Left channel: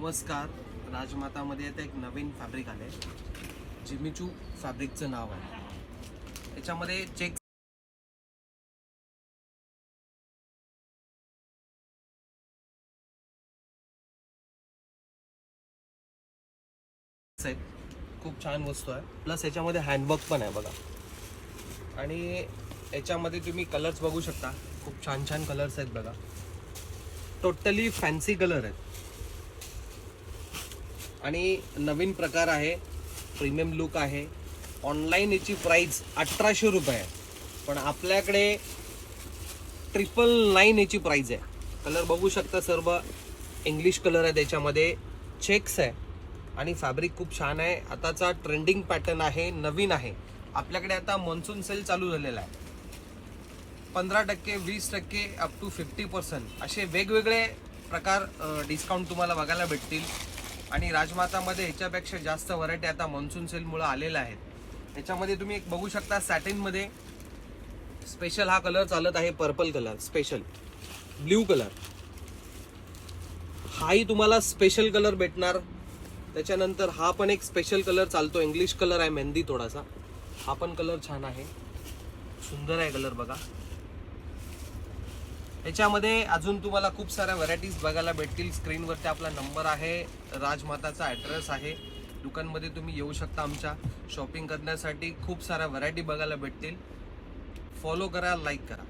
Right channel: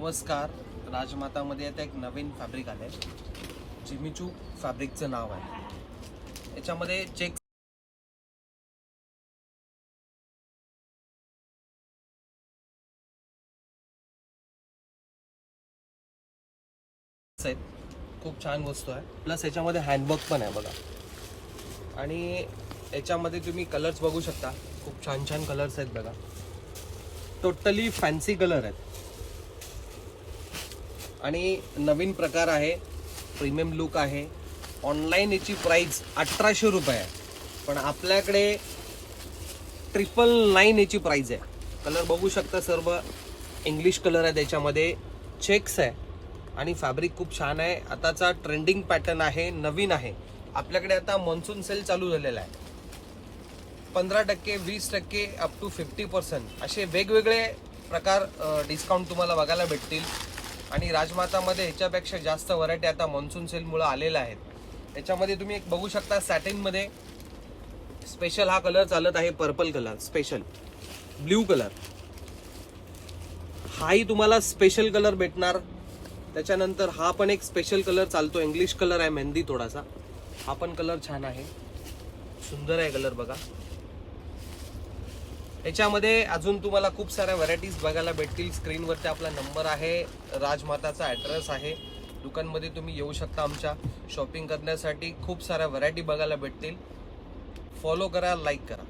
नमस्कार. राजमातामध्ये आता एक नवीन फॅब्रिक आलं आहे, जिमीचू फॅब्रिकचं नाव आहे. याच्यामध्ये चेक आहेत, खूप छान वस्तू आहे. प्लस याच्यामध्ये हँडवर्क पण आहे बघा. आणि याच्यामध्ये तुम्ही कलर्स बघू शकता, खूप छान छान कलर्स आहेत बघा. टोटली फॅन्सी कलर आहेत आणि नवीन प्रकार आहे, प्रीमियम लुक आहे. ऑनलाईन याची प्राइस 1800 रुपये आहे, पण आपल्याकडे 999 याची प्राइस आहे. कलर बघू शकता, सर्व इंग्लिश कलर आहे, त्याच्यामध्ये चेक्स आहे आणि फॅब्रिक खूप छान आहे. आताचा ट्रेंडिंग पॅटर्न आहे, नवीन आहे. आपल्याकडे आता मॉन्सून सेल चालू झालेला आहे. 15%, 20%, अप टू 50% असे वेगवेगळे प्रकार डिस्काउंट तुम्हाला बघायला भेटतील. आणि राजमातामध्ये ह्याच्यापेक्षा जास्त व्हरायटी आता मॉन्सून सेलमुळे आलेल्या आहेत. याच्यामध्ये तुम्ही एक बघू शकता, सॅटिनमध्ये स्पेशल हा कलर चालत आहे, purple colour, special blue colour. हाही तुम्हाला स्पेशल कलर भेटणार. त्याच्यानंतर हा पण एक स्पेशल कलर चालतो, इंग्लिश कलर आहे, मेहंदी थोडासा. हा पण कलर छान आहे, सुंदर आहे कलर बघा. याच्यामध्ये अजून तुम्हाला खूप साऱ्या व्हरायटीज बघायला भेटतील. स्क्रीनवरती आपला नंबर आहे, राजमाताचा ॲड्रेस आहे. दुकानमध्ये तुम्ही येऊ शकता आमच्या. शॉपिंग करण्यासाठी खूप साऱ्या व्हरायटी बघायला भेटतील. फॉलो करा, लाईक करा.